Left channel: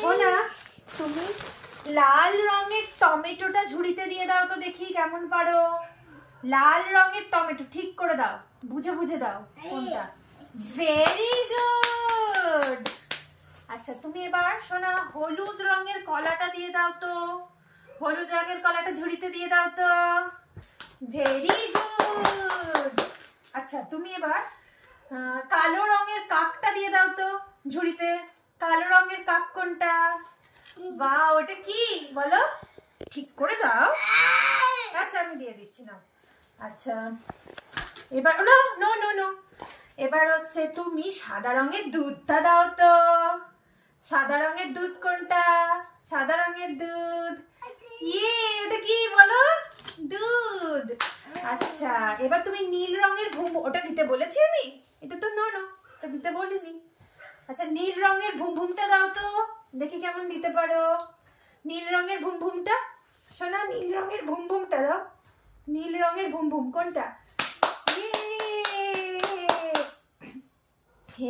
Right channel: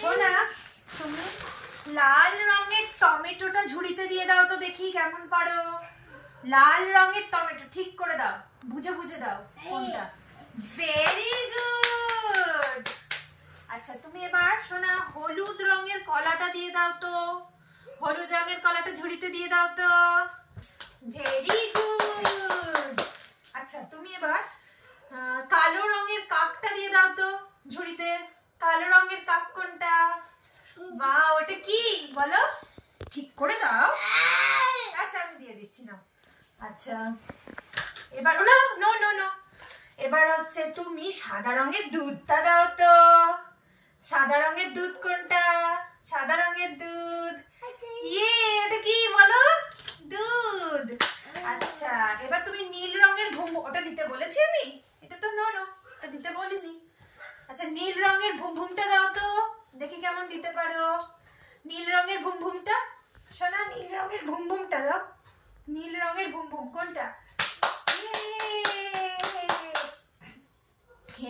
সোনা, তুমি লাল রঙের টমেটোটা ঝুড়িতে দিয়ে দাও তো দেখি কেমন পারো। লাল রঙের টমেটো ঠিক করে দাও, বুঝে বুঝে দাও কোনটা। Very good. আচ্ছা, তুমি এবার সোনা হলুদ রঙের কলাটা দিয়ে দাও তো। হলুদ রঙের কলাটা ঝুড়িতে দিয়ে দাও তো। Very good. আচ্ছা, তুমি এবার কালো রঙের কাকটা দিয়ে দাও তো ঝুড়িতে। কালো রঙের কাক কোনটা? বাহ, ওটা কি বলো, ঠিক করে দাও। আচ্ছা, আমি দিয়ে দিচ্ছি না। আচ্ছা, এবার নো নো নো নো এবার হচ্ছে তুমি সাদা রঙের দুধটা দাও তো। সাদা রঙের দুধ কোনটা? সাদা রঙের দুধ। এটা কি বলো? দুধ। আচ্ছা, এবার তুমি নীল রঙের ঘুম, ওটা দিতে বলেছি আমি? এটা তো নো নো, ওটা দিতে বলিনি। আচ্ছা, নীল রঙের ভুম ভুমটা দাও তো, দেখি কেমন দিতে পারো। নীল রঙের ভুম ভুমটা সোনা, নীল রঙের ভুম ভুমটা দাও। নীল রঙের ভুম ভুম কোনটা?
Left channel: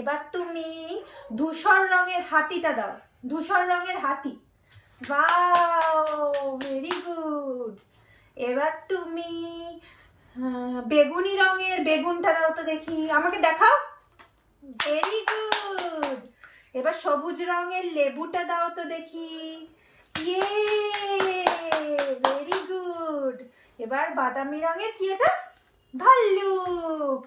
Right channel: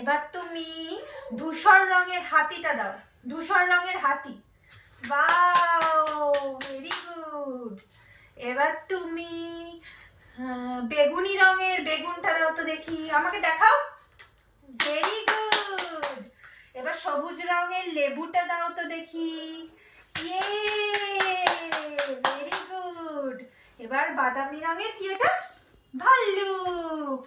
এবার তুমি ধূসর রঙের হাতিটা দাও। ধূসর রঙের হাতি। Wow, very good. এবার তুমি বেগুনি রঙের বেগুনটা দাও তো দেখি, আমাকে দেখাও। Very good. এবার সবুজ রঙের লেবুটা দাও তো দেখি। Very good. এবার বাদামি রঙের কি এটা? ভাল্লুক।